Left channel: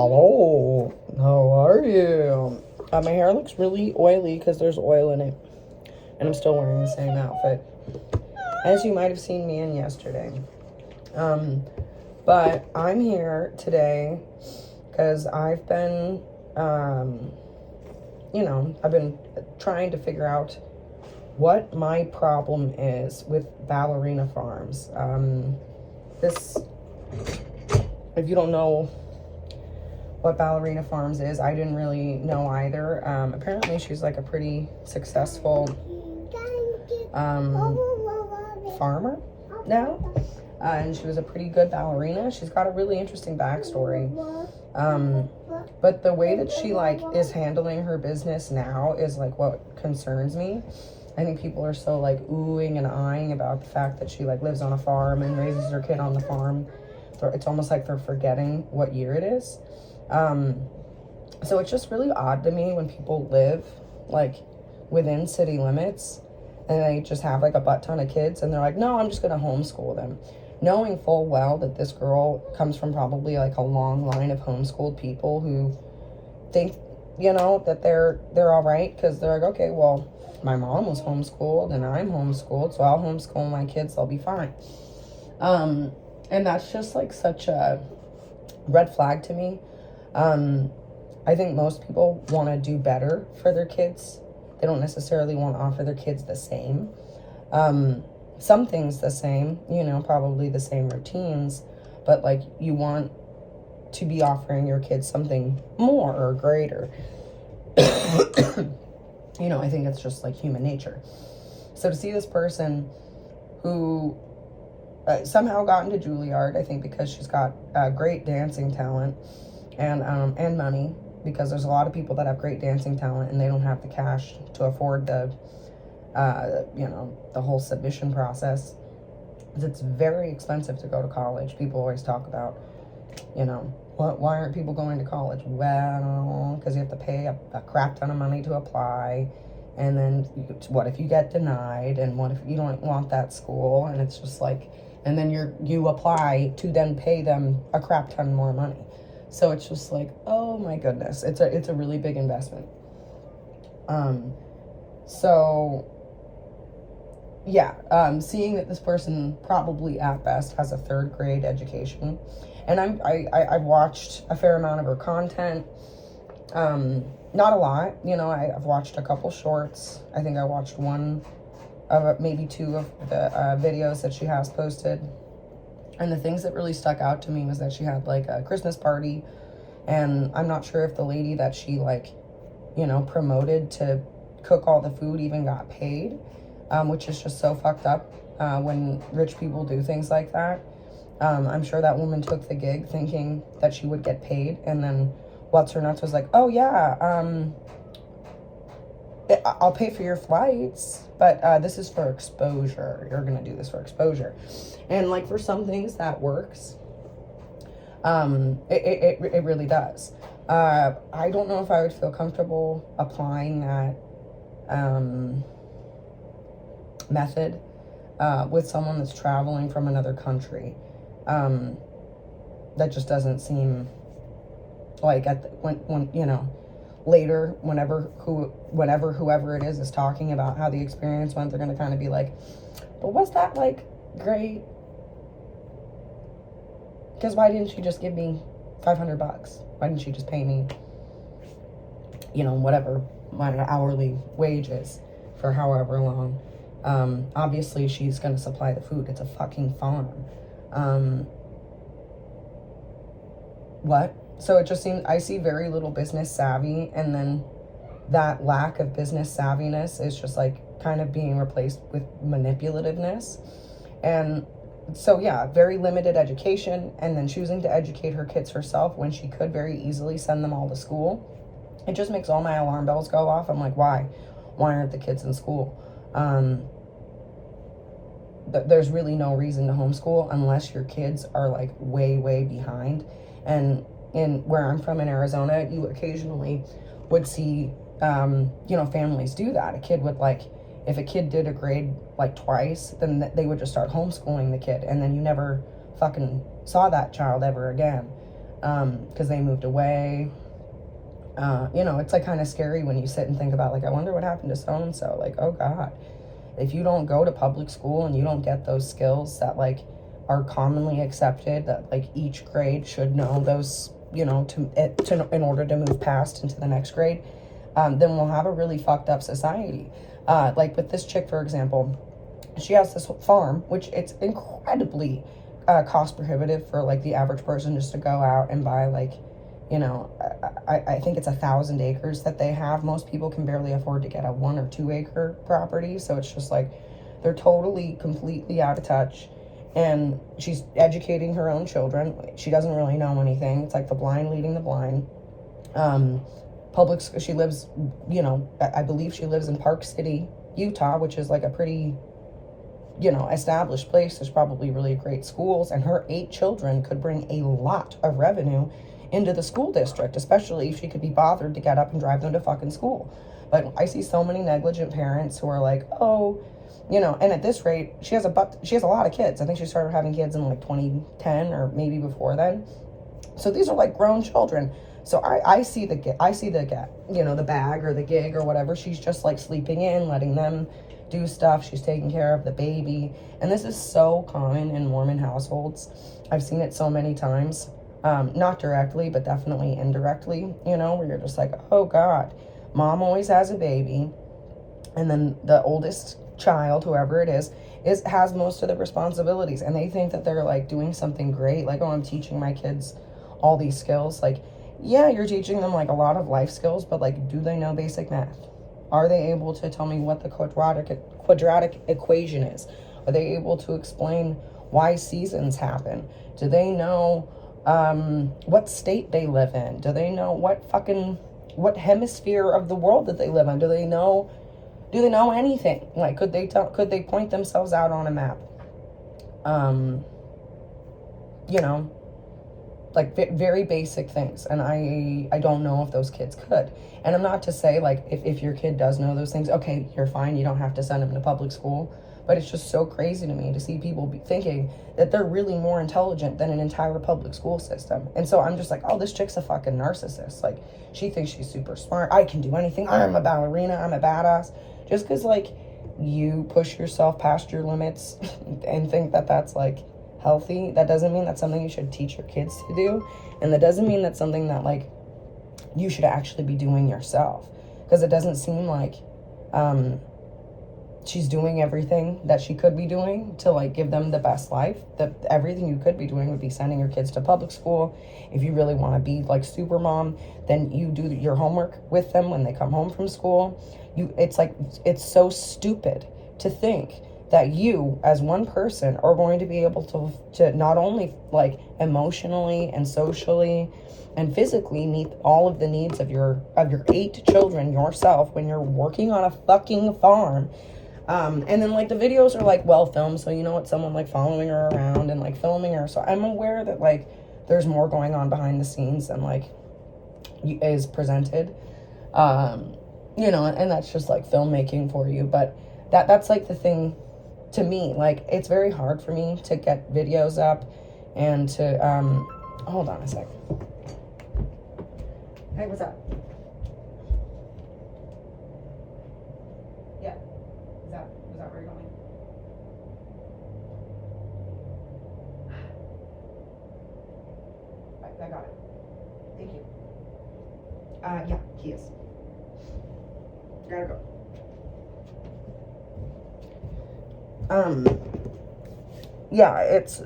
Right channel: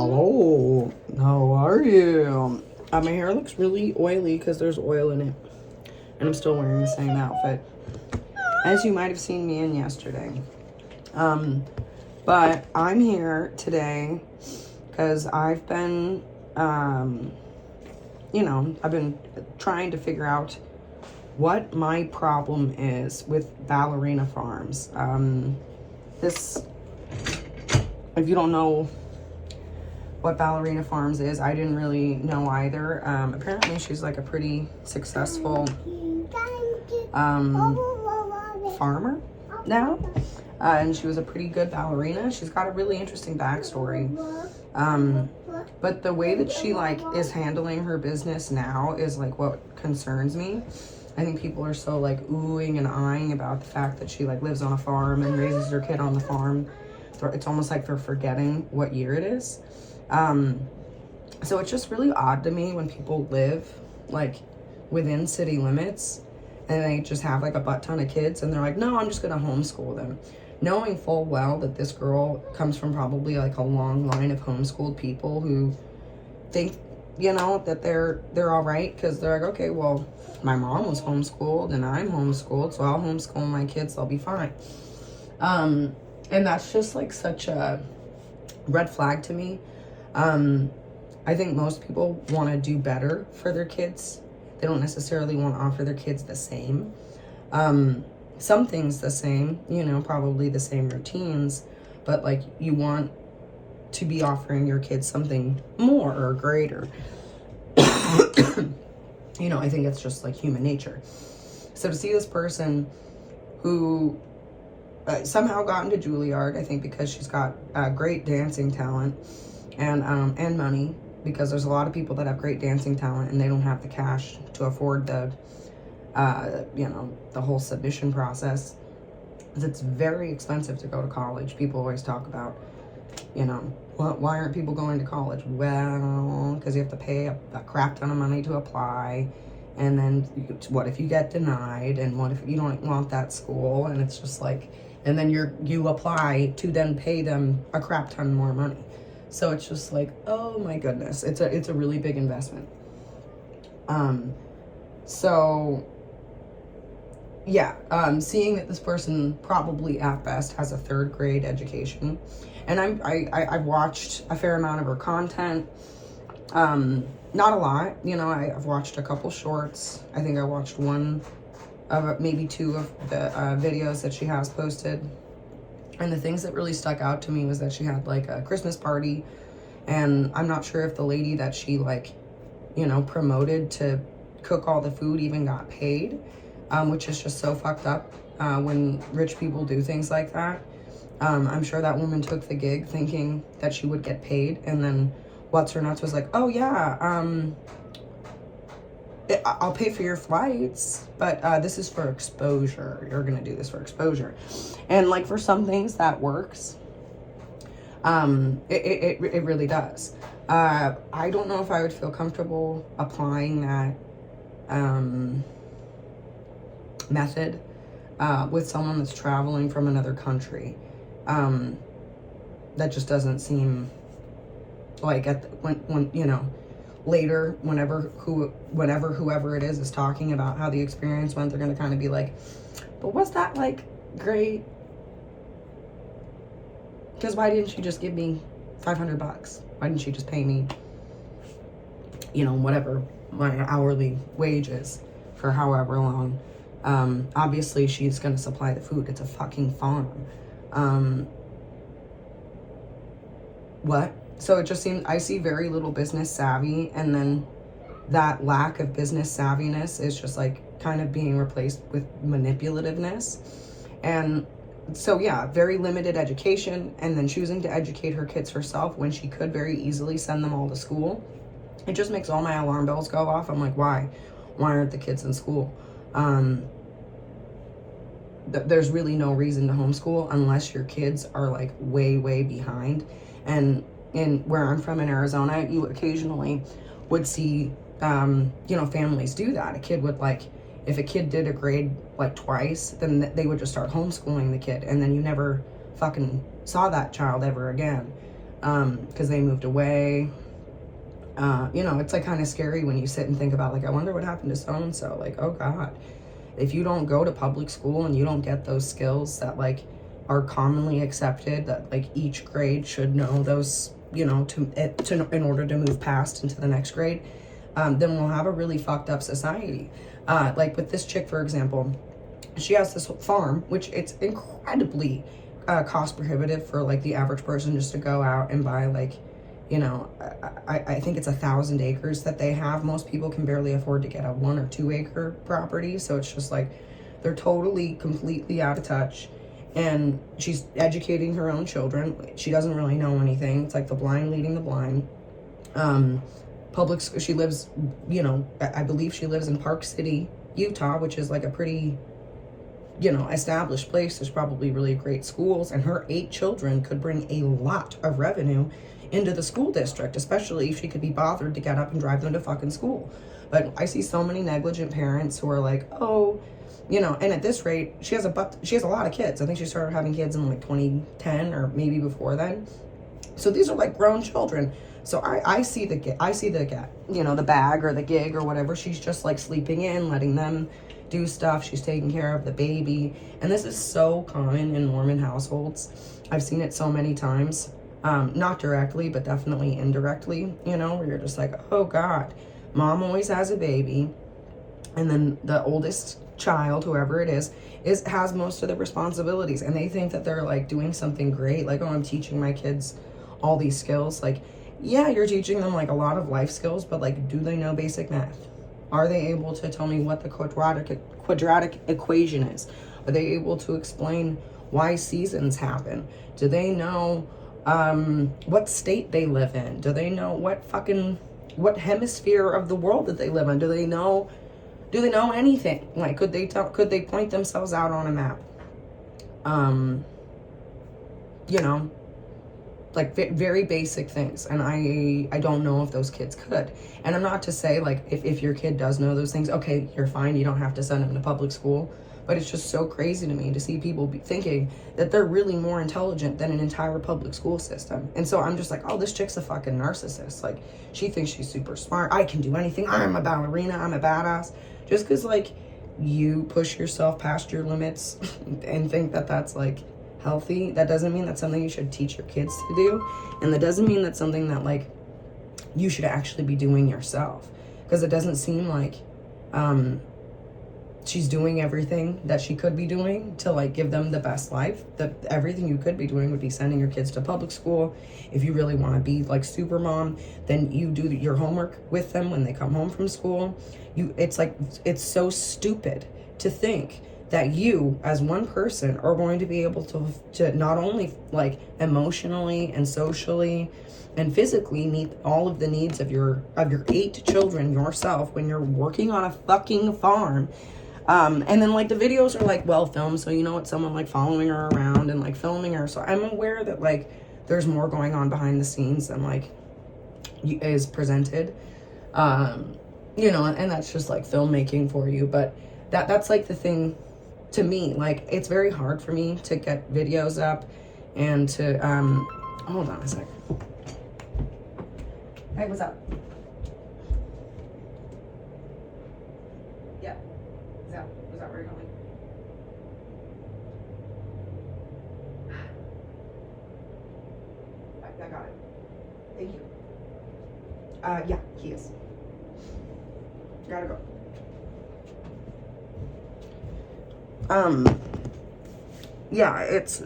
Hello, how are you? My hair looks really oily because there's oil in it. And I'm still wearing the same outfit, as you might have seen me in yesterday. But I'm here today because I've been, I've been trying to figure out what my problem is with ballerina farms. If you don't know what ballerina farms is, I didn't really know either. Apparently she's like a pretty successful farmer now, and she was a pretty good ballerina. She's got a really interesting backstory, but the way that she like is handling her business now is like what concerns me. I think people are so like oohing and eyeing about the fact that she like lives on a farm and raises her kid on the farm. It's almost like they're forgetting what year it is. So it's just really odd to me when people live like within city limits and they just have like a butt ton of kids and they're like, no, I'm just going to homeschool them, knowing full well that this girl comes from probably like a long line of homeschooled people who think, that they're all right. Cause they're like, okay, well, my mom was homeschooled and I'm homeschooled, so I'll homeschool my kids. They'll be fine. And that's just like such a red flag to me. I think most people want to do better for their kids. They don't necessarily want to offer their kids the same. Some things the same, probably the same routines, but like you want to be offering your kids something more or greater. I think it's just like human nature. So to see this person who somehow got into Juilliard, I think because she's got great dancing talent and money, because there's a lot of people that have great dancing talent and they don't have the cash to afford the whole submission process. It's very expensive to go to college. People always talk about, why aren't people going to college? Well, because you have to pay a crap ton of money to apply. And then what if you get denied? And what if you don't want that school? And it's just like, and then you apply to then pay them a crap ton more money. So it's just like, oh my goodness, it's a really big investment. Seeing that this person probably at best has a third grade education, and I've watched a fair amount of her content, not a lot, I've watched a couple shorts. I think I watched one of maybe two of the videos that she has posted. And the things that really stuck out to me was that she had like a Christmas party, and I'm not sure if the lady that she promoted to cook all the food even got paid, which is just so fucked up when rich people do things like that. I'm sure that woman took the gig thinking that she would get paid, and then what's her nuts was like, oh yeah, I'll pay for your flights, but this is for exposure. You're gonna do this for exposure. And like for some things that works. It really does. I don't know if I would feel comfortable applying that method with someone that's traveling from another country. That just doesn't seem like later, whenever whoever it is talking about how the experience went, they're going to kind of be like, but was that like great? Because why didn't you just give me $500? Why didn't you just pay me, whatever my hourly wage is for however long? Obviously she's going to supply the food. It's a fucking farm. What? So it just seems, I see very little business savvy, and then that lack of business savviness is just like kind of being replaced with manipulativeness. And so yeah, very limited education, and then choosing to educate her kids herself when she could very easily send them all to school. It just makes all my alarm bells go off. I'm like, why aren't the kids in school? There's really no reason to homeschool unless your kids are like way behind. And where I'm from in Arizona, you occasionally would see, families do that. A kid would if a kid did a grade like twice, then they would just start homeschooling the kid. And then you never fucking saw that child ever again. because they moved away. You know, it's like kind of scary when you sit and think about, like, I wonder what happened to so-and-so. Like, oh God, if you don't go to public school and you don't get those skills that like are commonly accepted, that like each grade should know those, you know, in order to move past into the next grade, then we'll have a really fucked up society. Like with this chick, for example, she has this farm, which it's incredibly cost prohibitive for like the average person just to go out and buy, like, you know, I think it's 1,000 acres that they have. Most people can barely afford to get a 1 or 2 acre property. So it's just like, they're totally, completely out of touch. And she's educating her own children. She doesn't really know anything. It's like the blind leading the blind. She lives, you know, I believe she lives in Park City, Utah, which is like a pretty, you know, established place. There's probably really great schools, and her 8 children could bring a lot of revenue into the school district, especially if she could be bothered to get up and drive them to fucking school. But I see so many negligent parents who are like, oh, you know, and at this rate, she has a lot of kids. I think she started having kids in like 2010 or maybe before then. So these are like grown children. So I see the you know, the bag or the gig or whatever. She's just like sleeping in, letting them do stuff. She's taking care of the baby. And this is so common in Mormon households. I've seen it so many times. Not directly, but definitely indirectly, you know, where you're just like, oh God, mom always has a baby. And then the oldest child, whoever it is has most of the responsibilities. And they think that they're like doing something great. Like, oh, I'm teaching my kids all these skills. Like, yeah, you're teaching them like a lot of life skills, but like, do they know basic math? Are they able to tell me what the quadratic equation is? Are they able to explain why seasons happen? Do they know what state they live in? Do they know what hemisphere of the world that they live in? Do they know anything? Like, could they point themselves out on a map? You know, like very basic things. And I don't know if those kids could. And I'm not to say like, if your kid does know those things, okay, you're fine. You don't have to send them to public school. But it's just so crazy to me to see people thinking that they're really more intelligent than an entire public school system. And so I'm just like, oh, this chick's a fucking narcissist. Like, she thinks she's super smart. I can do anything. I'm a ballerina. I'm a badass. Just because, like, you push yourself past your limits and think that that's, like, healthy, that doesn't mean that's something you should teach your kids to do. And that doesn't mean that's something that, like, you should actually be doing yourself. Because it doesn't seem like she's doing everything that she could be doing to like give them the best life. Everything you could be doing would be sending your kids to public school. If you really want to be like super mom, then you do your homework with them when they come home from school. It's so stupid to think that you as one person are going to be able to not only like emotionally and socially and physically meet all of the needs of your 8 children yourself when you're working on a fucking farm. And then like the videos are like well filmed, so you know it's someone like following her around and like filming her. So I'm aware that like there's more going on behind the scenes than like is presented. You know, and that's just like filmmaking for you. But that's like the thing to me. Like, it's very hard for me to get videos up and to hold on a sec. Hey, what's up? Yeah. Was that where you're going? I got it. Thank you. Yeah, he is. Gotta go. Yeah, it's,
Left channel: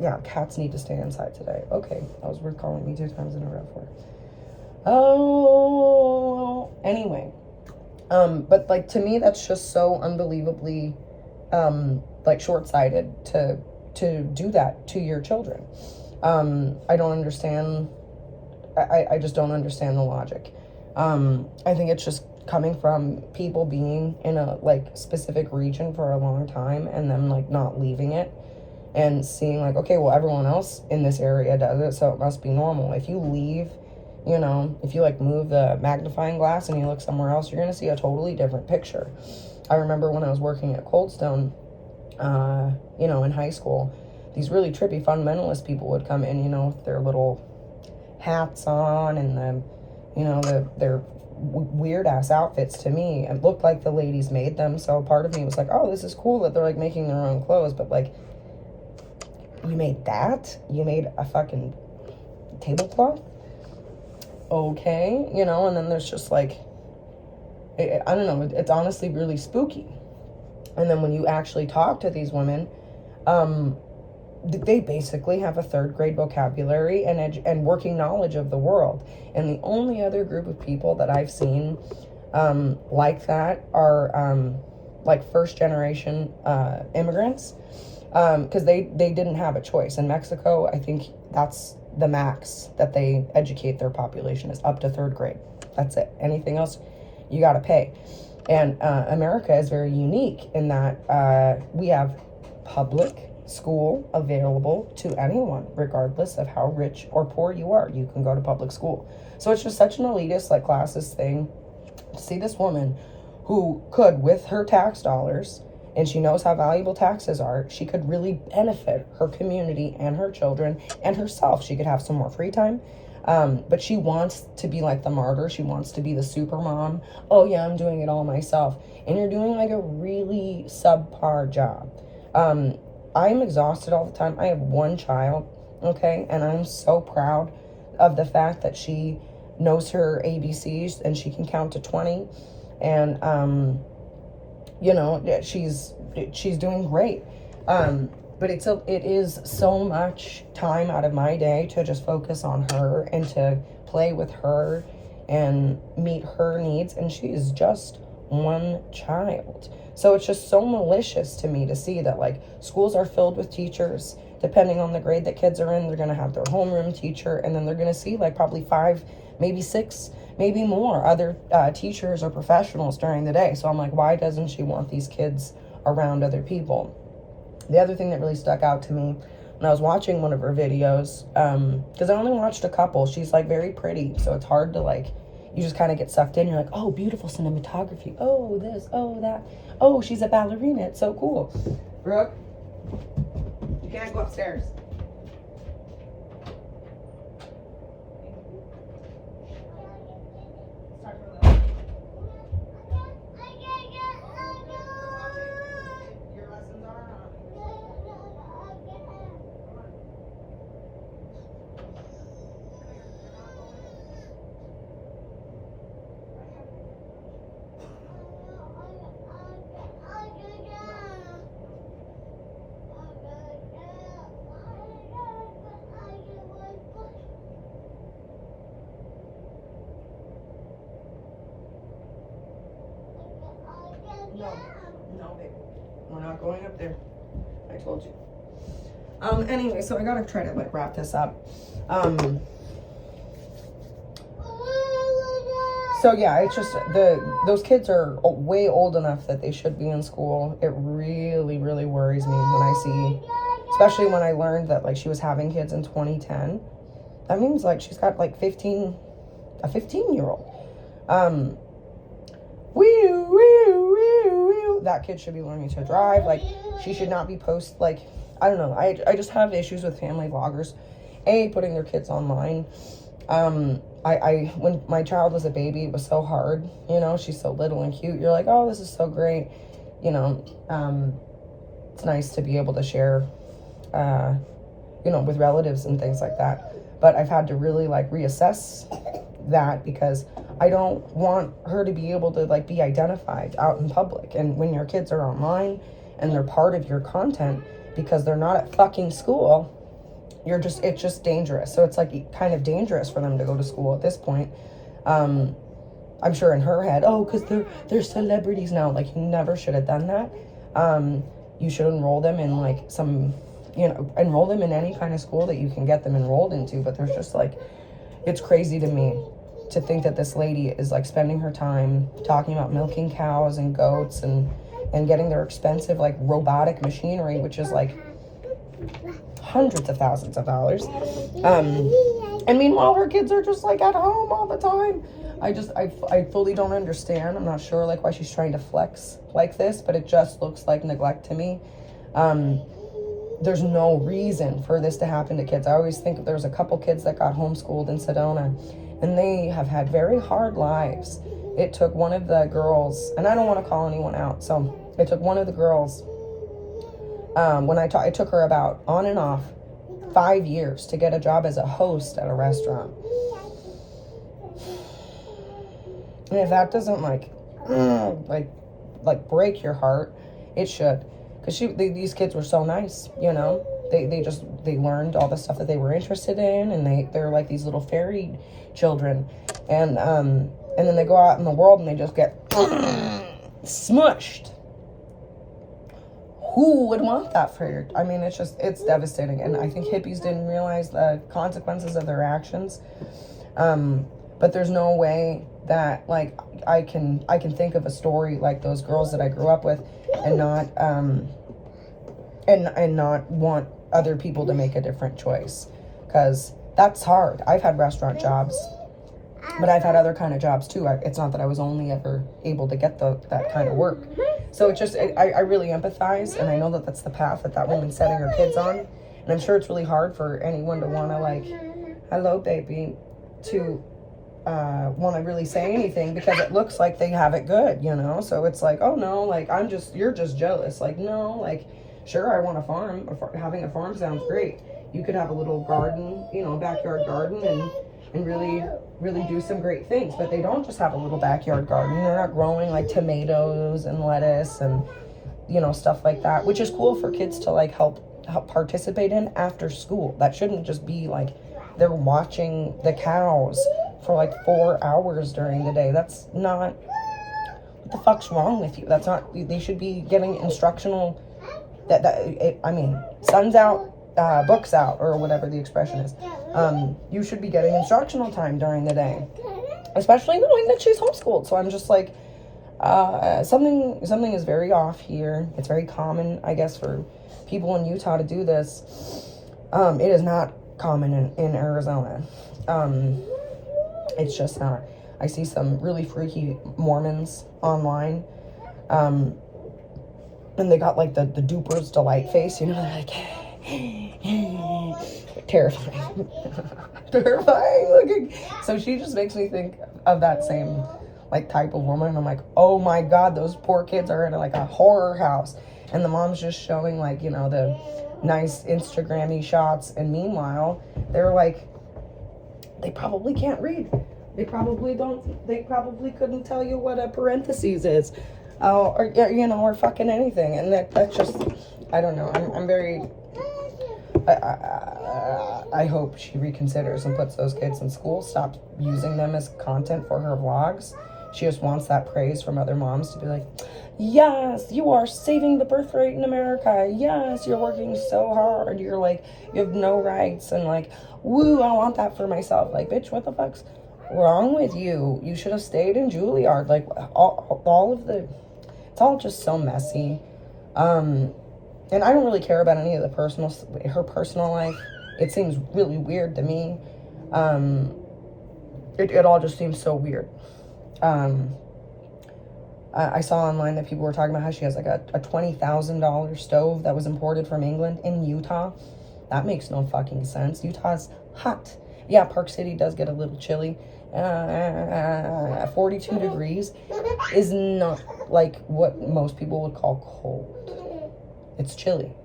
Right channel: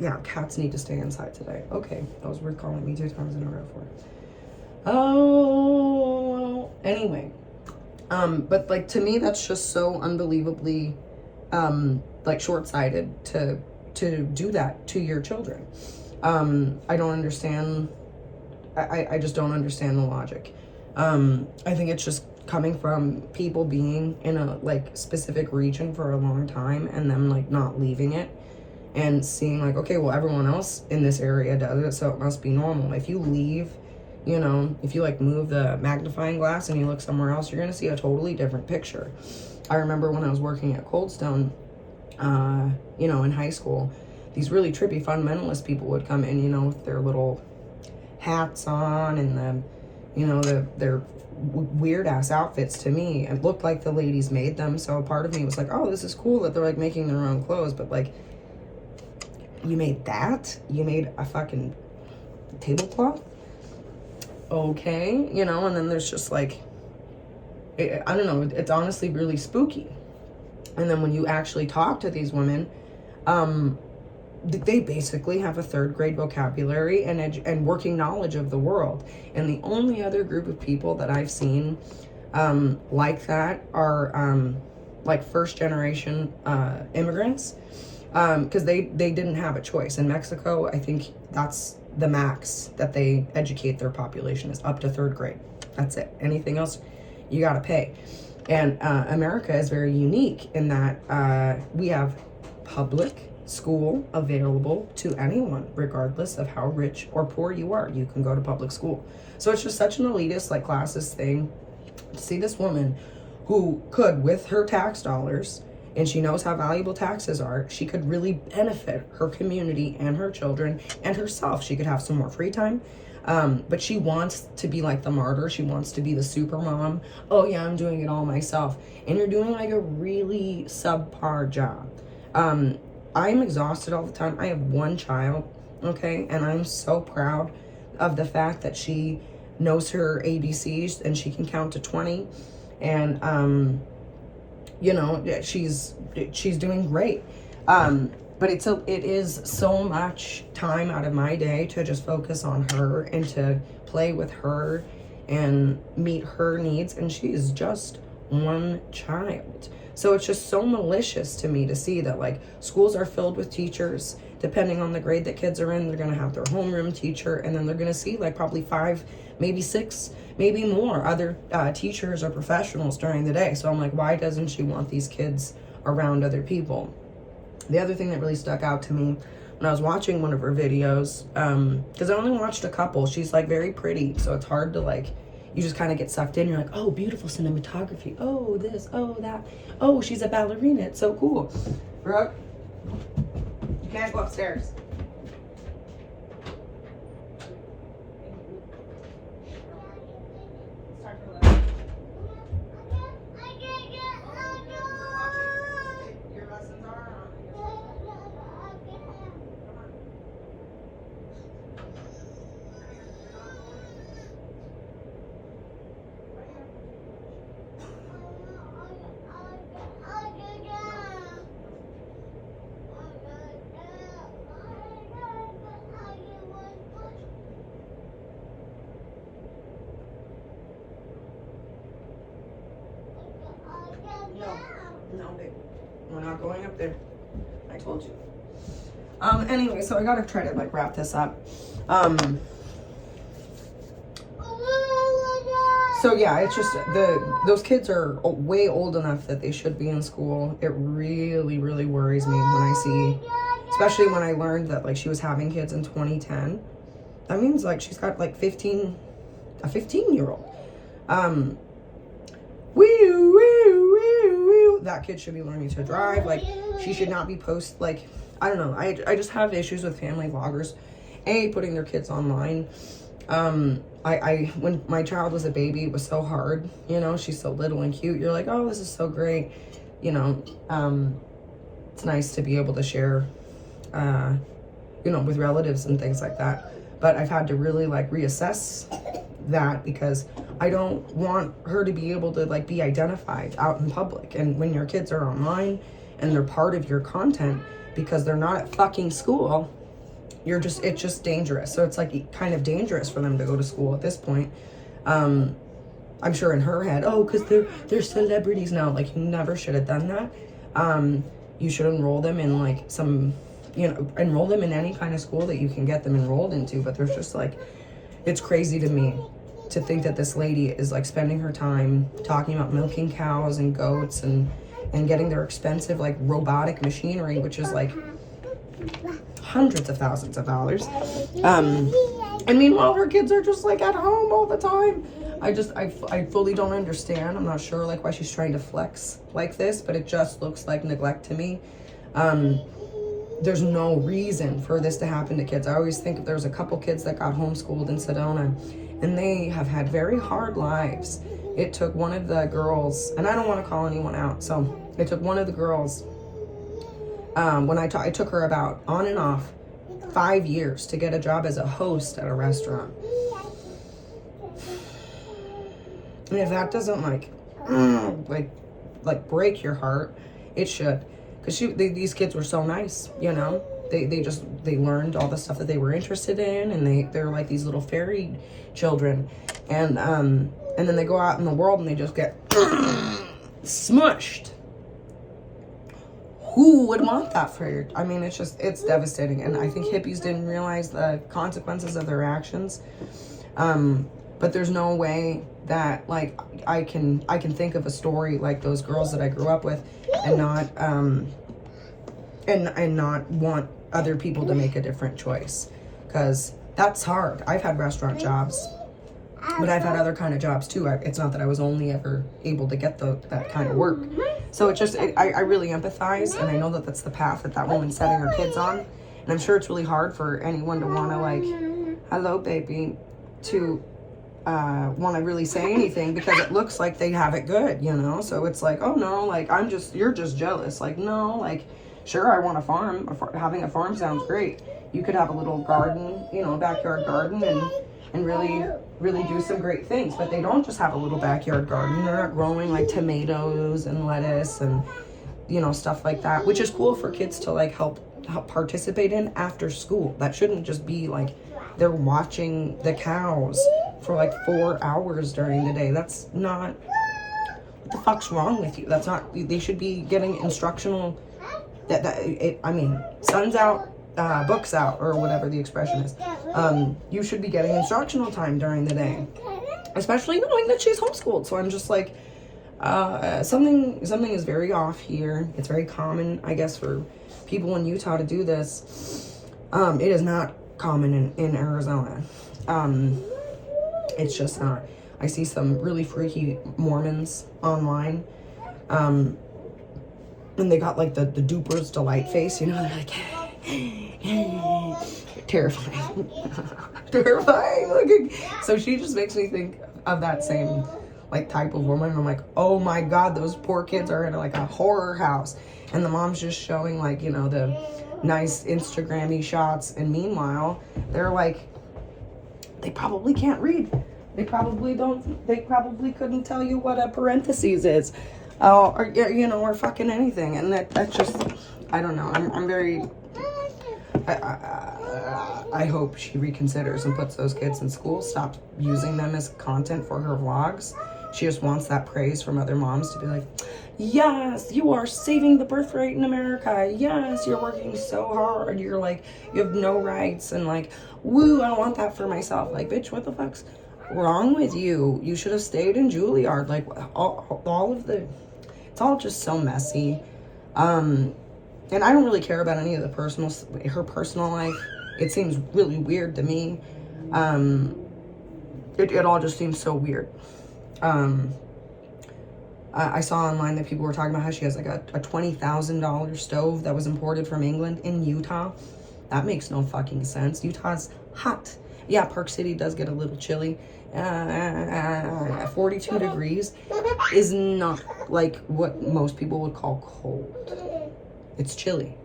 yeah, cats need to stay inside today. Okay, that was worth calling me 2 times in a row for. Oh, anyway. But, like, to me, that's just so unbelievably, like, short-sighted to do that to your children. I don't understand. I just don't understand the logic. I think it's just coming from people being in a, like, specific region for a long time and then, like, not leaving it and seeing, like, okay, well, everyone else in this area does it, so it must be normal. If you leave, you know, if you, like, move the magnifying glass and you look somewhere else, you're going to see a totally different picture. I remember when I was working at Cold Stone, you know, in high school, these really trippy fundamentalist people would come in, you know, with their little hats on and their weird ass outfits. To me, it looked like the ladies made them. So part of me was like, oh, this is cool that they're like making their own clothes, but like, you made that? You made a fucking tablecloth? Okay, and then there's just like, I don't know, it's honestly really spooky. And then when you actually talk to these women, they basically have a 3rd grade vocabulary and working knowledge of the world. And the only other group of people that I've seen like that are like 1st generation immigrants, because they didn't have a choice. In Mexico, I think that's the max that they educate their population, is up to 3rd grade. That's it. Anything else, you got to pay. And America is very unique in that we have public school available to anyone, regardless of how rich or poor you are. You can go to public school. So it's just such an elitist, like, classist thing to see this woman who could, with her tax dollars, and she knows how valuable taxes are, she could really benefit her community and her children and herself. She could have some more free time. But she wants to be like the martyr. She wants to be the super mom. Oh yeah, I'm doing it all myself. And you're doing like a really subpar job. I'm exhausted all the time. I have 1 child, okay? And I'm so proud of the fact that she knows her ABCs and she can count to 20. And, she's doing great. But it is so much time out of my day to just focus on her and to play with her and meet her needs. And she is just 1 child. So it's just so malicious to me to see that, like, schools are filled with teachers. Depending on the grade that kids are in, they're going to have their homeroom teacher. And then they're going to see like probably 5, maybe 6, maybe more other teachers or professionals during the day. So I'm like, why doesn't she want these kids around other people? The other thing that really stuck out to me when I was watching one of her videos, because I only watched a couple, she's like very pretty, so it's hard to like, you just kind of get sucked in. You're like, oh, beautiful cinematography. Oh, this, oh, that. Oh, she's a ballerina. It's so cool. Brooke, you can't go upstairs. No, babe. We're not going up there. I told you. Anyway, so I gotta try to like wrap this up. So yeah, it's just those kids are way old enough that they should be in school. It really, really worries me when I see, especially when I learned that like she was having kids in 2010. That means like she's got like a 15-year-old. That kid should be learning to drive. Like, she should not be I don't know. I just have issues with family vloggers, putting their kids online. When my child was a baby, it was so hard. She's so little and cute. You're like, oh, this is so great. It's nice to be able to share, with relatives and things like that. But I've had to really like reassess that, because I don't want her to be able to like be identified out in public. And when your kids are online and they're part of your content because they're not at fucking school, it's just dangerous. So it's like kind of dangerous for them to go to school at this point. I'm sure in her head, because they're celebrities now. Like, you never should have done that. You should enroll them in like enroll them in any kind of school that you can get them enrolled into. But there's just like, it's crazy to me to think that this lady is like spending her time talking about milking cows and goats and getting their expensive like robotic machinery, which is like hundreds of thousands of dollars. And meanwhile, her kids are just like at home all the time. I fully don't understand. I'm not sure like why she's trying to flex like this, but it just looks like neglect to me. there's no reason for this to happen to kids. I always think there's a couple kids that got homeschooled in Sedona, and they have had very hard lives. It took one of the girls, and I don't want to call anyone out, so it took one of the girls, it took her about on and off 5 years to get a job as a host at a restaurant. And if that doesn't like break your heart, it should. Because these kids were so nice, you know. They learned all the stuff that they were interested in, and they're like these little fairy children. And then they go out in the world and they just get smushed. Who would want that for your... I mean, it's devastating. And I think hippies didn't realize the consequences of their actions. But there's no way that, like, I can think of a story like those girls that I grew up with and not and not want other people to make a different choice, because that's hard. I've had restaurant jobs, but I've had other kind of jobs too. It's not that I was only ever able to get that kind of work. So it's just, I really empathize, and I know that that's the path that woman's setting her kids on. And I'm sure it's really hard for anyone to want to, like, hello, baby, to want to really say anything, because it looks like they have it good, you know? So it's like, oh no, like, you're just jealous. Like, no, like, sure, I want a farm. Having a farm sounds great. You could have a little garden, you know, a backyard garden, and really, really do some great things. But they don't just have a little backyard garden. They're not growing like tomatoes and lettuce and, you know, stuff like that, which is cool for kids to like help participate in after school. That shouldn't just be like they're watching the cows for like 4 hours during the day. That's not, what the fuck's wrong with you? That's not, they should be getting instructional, sun's out, books out, or whatever the expression is. You should be getting instructional time during the day, especially knowing that she's homeschooled. So I'm just like, something is very off here. It's very common, I guess, for people in Utah to do this. It is not common in Arizona. It's just not. I see some really freaky Mormons online. And they got like the duper's delight face, you know, they're like, terrifying. Terrifying looking. So she just makes me think of that same like type of woman. I'm like, oh my God, those poor kids are in like a horror house. And the mom's just showing like, you know, the nice Instagram-y shots. And meanwhile, they're like, they probably can't read. They probably couldn't tell you what a parentheses is. Or, you know, or fucking anything. And that's just, I don't know. I'm very, I hope she reconsiders and puts those kids in school, stops using them as content for her vlogs. She just wants that praise from other moms to be like, yes, you are saving the birth rate in America. Yes, you're working so hard. You're like, you have no rights. And like, woo, I want that for myself. Like, bitch, what the fuck's wrong with you? You should have stayed in Juilliard. Like, all of the, it's all just so messy. And I don't really care about any of her personal life. It seems really weird to me. It all just seems so weird. I saw online that people were talking about how she has like a $20,000 stove that was imported from England in Utah. That makes no fucking sense. Utah's hot. Yeah, Park City does get a little chilly. 42 degrees is not like what most people would call cold. It's chilly.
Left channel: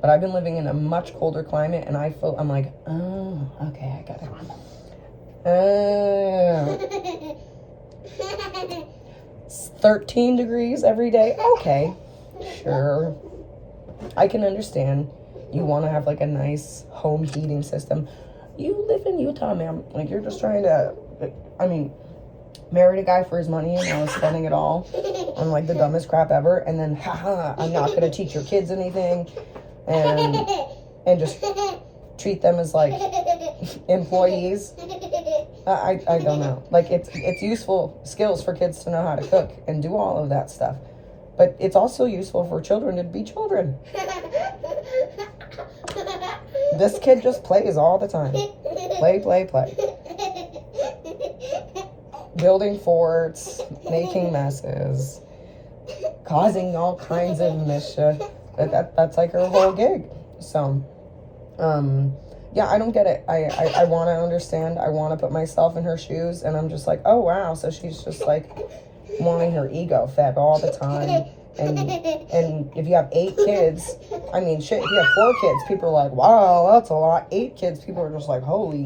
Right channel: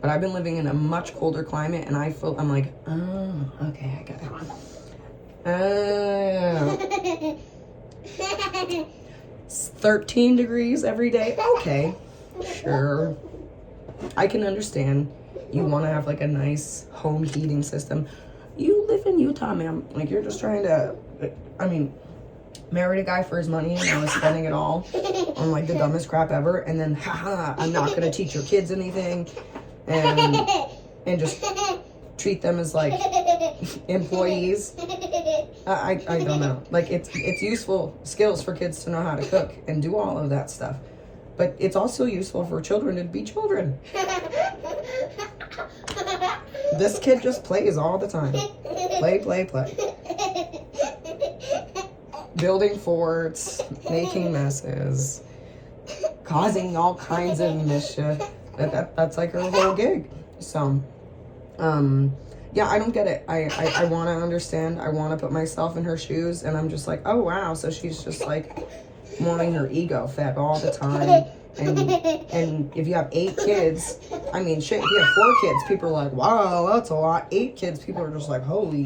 But I've been living in a much colder climate, and I'm like, oh, okay, I got it. 13 degrees every day. Okay, sure. I can understand. You want to have like a nice home heating system. You live in Utah, ma'am. Like, you're just trying to, married a guy for his money and now is spending it all on like the dumbest crap ever. And then, haha, I'm not going to teach your kids anything. And just treat them as like employees. I don't know. Like, it's useful skills for kids to know how to cook and do all of that stuff. But it's also useful for children to be children. This kid just plays all the time. Play. Building forts, making messes, causing all kinds of mischief. That's like her whole gig. So, yeah, I don't get it. I want to understand. I want to put myself in her shoes, and I'm just like, oh wow. So she's just like wanting her ego fed all the time. And if you have 8 kids, I mean, shit, if you have 4 kids, people are like, wow, that's a lot. 8 kids, people are just like, holy,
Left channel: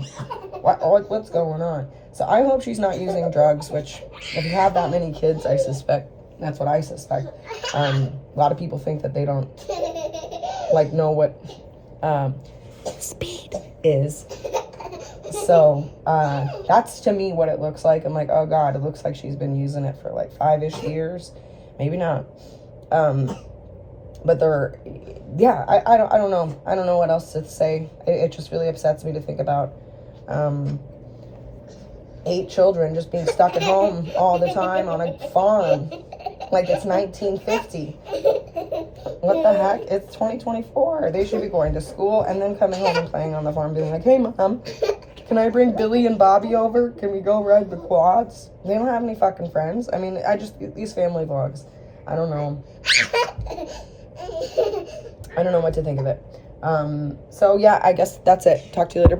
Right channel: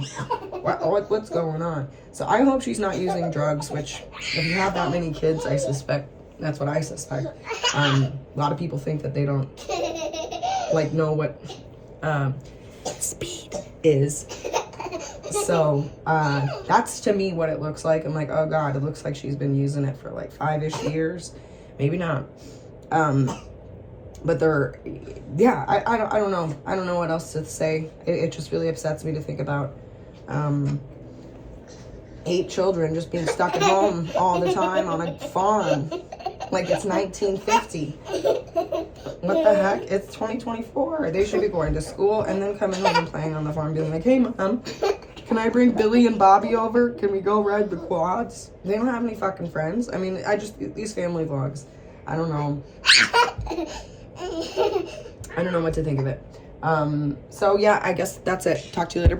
what's going on? So I hope she's not using drugs, which if you have that many kids, I suspect, that's what I suspect. A lot of people think that they don't, like, know what speed is. So that's to me what it looks like. I'm like, oh God, it looks like she's been using it for like 5-ish years. Maybe not. But they're, yeah, I don't know. I don't know what else to say. It just really upsets me to think about 8 children just being stuck at home all the time on a farm. Like it's 1950. What the heck? It's 2024. They should be going to school and then coming home and playing on the farm, being like, hey mom, can I bring Billy and Bobby over? Can we go ride the quads? They don't have any fucking friends. I mean, these family vlogs, I don't know. I don't know what to think of it. So yeah, I guess that's it. Talk to you later.